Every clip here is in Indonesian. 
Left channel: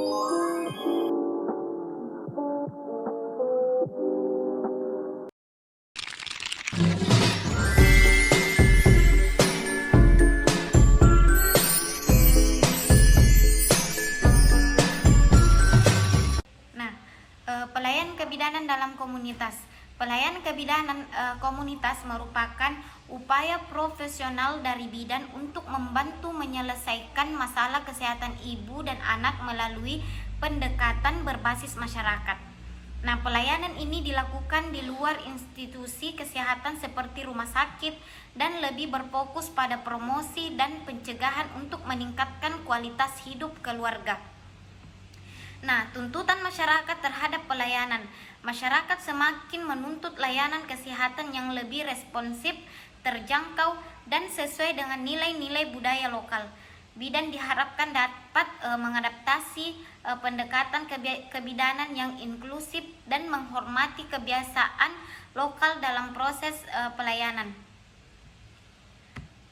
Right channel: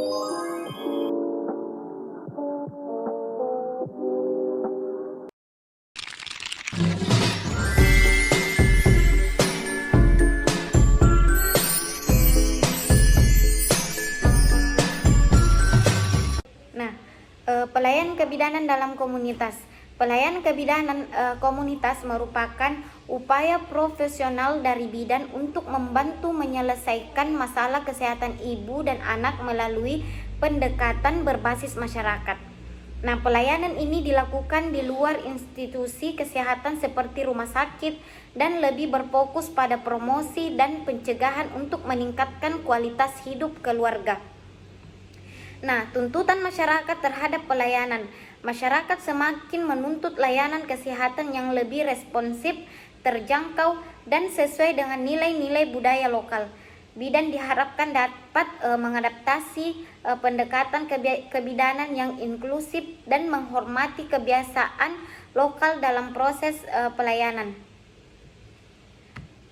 Nah, pelayanan kebidanan dalam komunitas. Pelayanan kebidanan komunitas merupakan upaya profesional dari bidan untuk membantu menyelesaikan masalah kesehatan ibu dan anak melalui pendekatan berbasis masyarakat. Nah, pelayanan ini dilakukan di luar institusi kesehatan seperti rumah sakit dan lebih berfokus pada promosi dan pencegahan untuk meningkatkan kualitas hidup keluarga. Nah, tuntutan masyarakat terhadap pelayanan. Masyarakat semakin menuntut layanan kesehatan yang lebih responsif, terjangkau, dan sesuai dengan nilai-nilai budaya lokal. Bidan diharapkan dapat mengadaptasi pendekatan kebidanan yang inklusif dan menghormati kebiasaan lokal dalam proses pelayanan.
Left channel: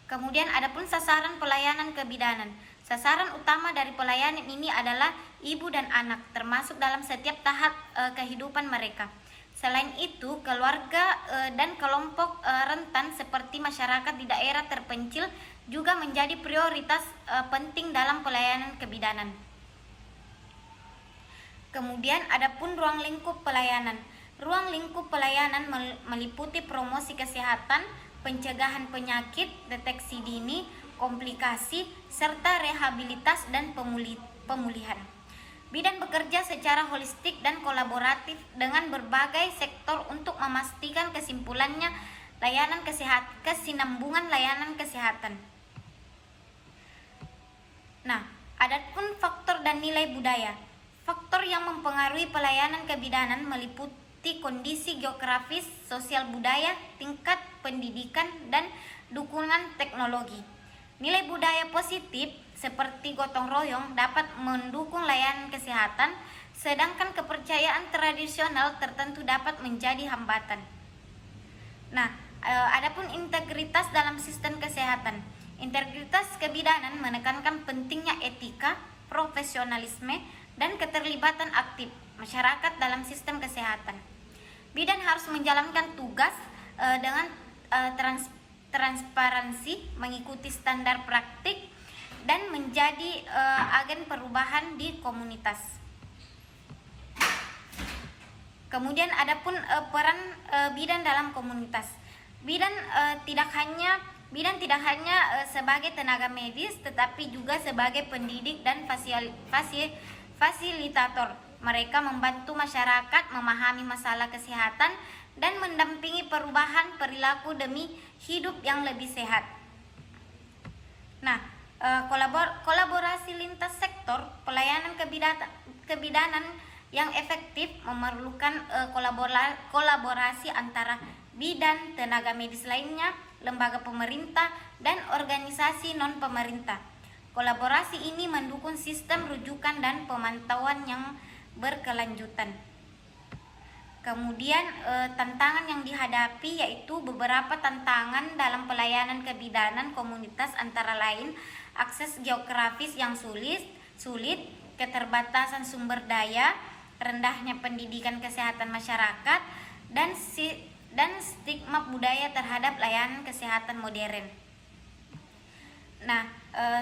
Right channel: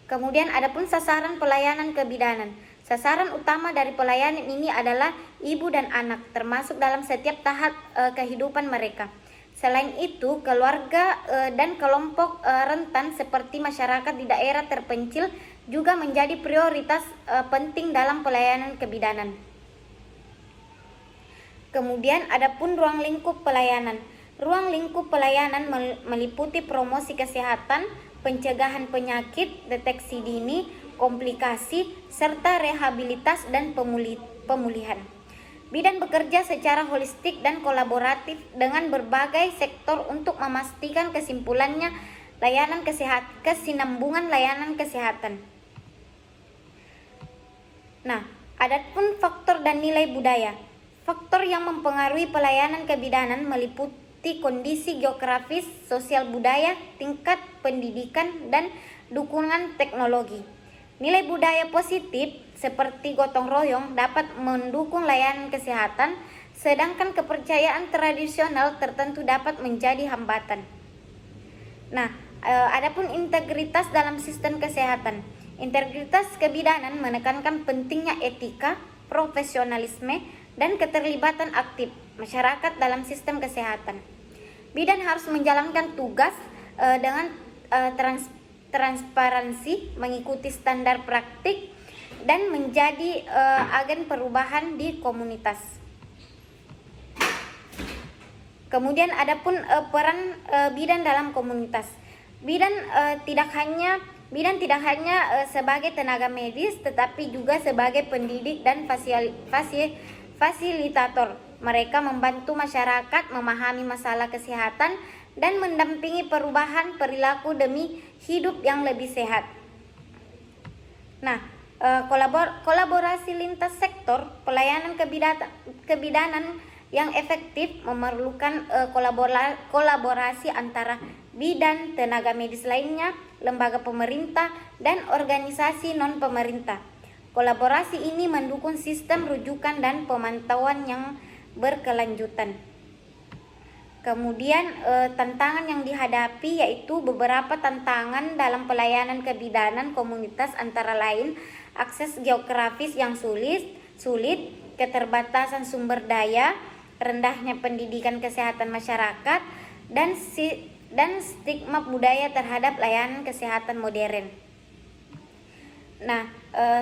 Kemudian adapun sasaran pelayanan kebidanan. Sasaran utama dari pelayanan ini adalah ibu dan anak, termasuk dalam setiap tahap kehidupan mereka. Selain itu, keluarga dan kelompok rentan seperti masyarakat di daerah terpencil juga menjadi prioritas penting dalam pelayanan kebidanan. Kemudian adapun ruang lingkup pelayanan. Ruang lingkup pelayanan meliputi promosi kesehatan, pencegahan penyakit, deteksi dini, komplikasi, serta rehabilitas dan pemulihan. Bidan bekerja secara holistik dan kolaboratif dengan berbagai sektor untuk memastikan kesimpulannya kesinambungan layanan kesehatan. Nah, adapun faktor dan nilai budaya. Faktor yang mempengaruhi pelayanan kebidanan meliputi kondisi geografis, sosial budaya, tingkat pendidikan, dan dukungan teknologi. Nilai budaya positif seperti gotong royong dapat mendukung layanan kesehatan, sedangkan kepercayaan tradisional tertentu dapat menjadi hambatan. Nah, adapun integritas dalam sistem kesehatan. Integritas kebidanan menekankan pentingnya etika, profesionalisme, dan keterlibatan aktif masyarakat dalam sistem kesehatan. Bidan harus menjalankan tugas dengan transparansi, mengikuti standar praktik, dan menjadi agen perubahan di komunitas. Kemudian adapun peran bidan dalam komunitas. Bidan tidak hanya sebagai tenaga medis, tetapi juga sebagai pendidik dan fasilitator. Mereka membantu masyarakat memahami masalah kesehatan dan mendampingi perubahan perilaku demi hidup yang lebih sehat. Nah, kolaborasi lintas sektor pelayanan kebidanan yang efektif memerlukan kolaborasi antara bidan, tenaga medis lainnya, lembaga pemerintah, dan organisasi non-pemerintah. Kolaborasi ini mendukung sistem rujukan dan pemantauan yang berkelanjutan. Kemudian tantangan yang dihadapi yaitu beberapa tantangan dalam pelayanan kebidanan komunitas, antara lain akses geografis yang sulit, keterbatasan sumber daya, rendahnya pendidikan kesehatan masyarakat, dan stigma budaya terhadap layanan kesehatan modern. Nah,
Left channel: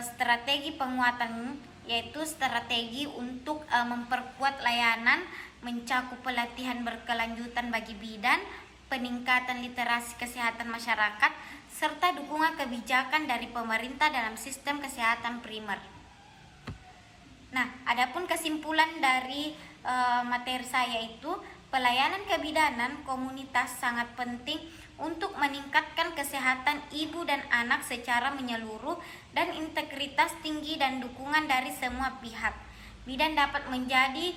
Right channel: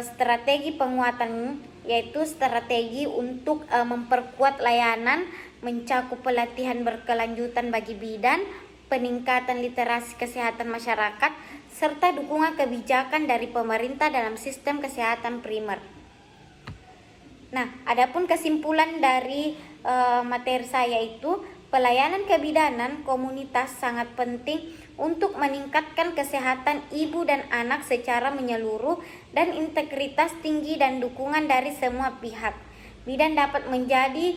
strategi penguatan yaitu strategi untuk memperkuat layanan, mencakup pelatihan berkelanjutan bagi bidan, peningkatan literasi kesehatan masyarakat, serta dukungan kebijakan dari pemerintah dalam sistem kesehatan primer. Nah, adapun kesimpulan dari materi saya itu, pelayanan kebidanan komunitas sangat penting untuk meningkatkan kesehatan ibu dan anak secara menyeluruh dan integritas tinggi dan dukungan dari semua pihak. Bidan dapat menjadi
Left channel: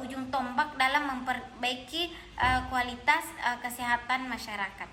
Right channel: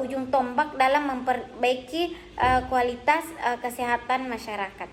ujung tombak dalam memperbaiki kualitas kesehatan masyarakat.